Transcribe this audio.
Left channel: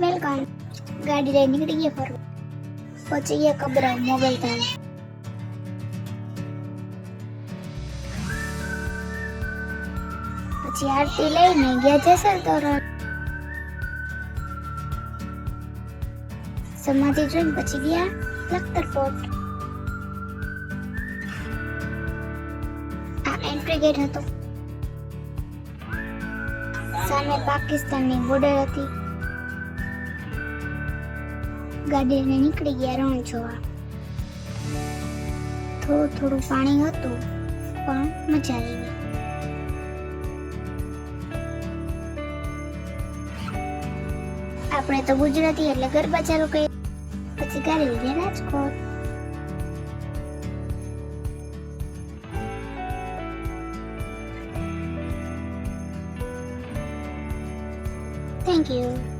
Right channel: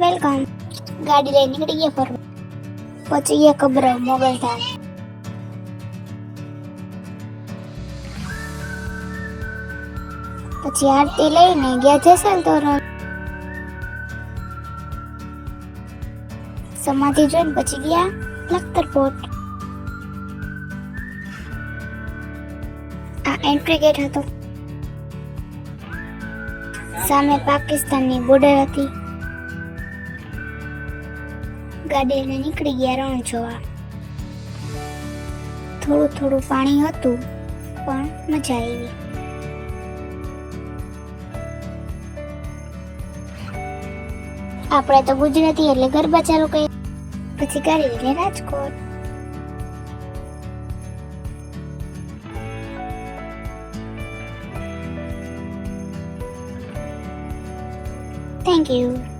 Welcome. ગાડી લઈને નીકળી ગયા ફરવા. પછી ગયા કબરાવ મોગલ ધામ. પછી આરતી લઈને ગયા જેસલ તોરણ. સમાધિ જોઈને પછી ગયા લખતર ફોર્ટ. આ એન્ટ્રી ગેટ હતો. સામે પાકિસ્તાનની બોર્ડર હતી. ગાડી લઈને નીકળી ગયા રણ જોવા. થોડું થોડું પાણી હતું પણ મજા આવી. આપણે તો ગુજરાતી એટલે ગરબા ચાલુ કરી. પછી ગાડી લઈને રાજકોટ. Thank you.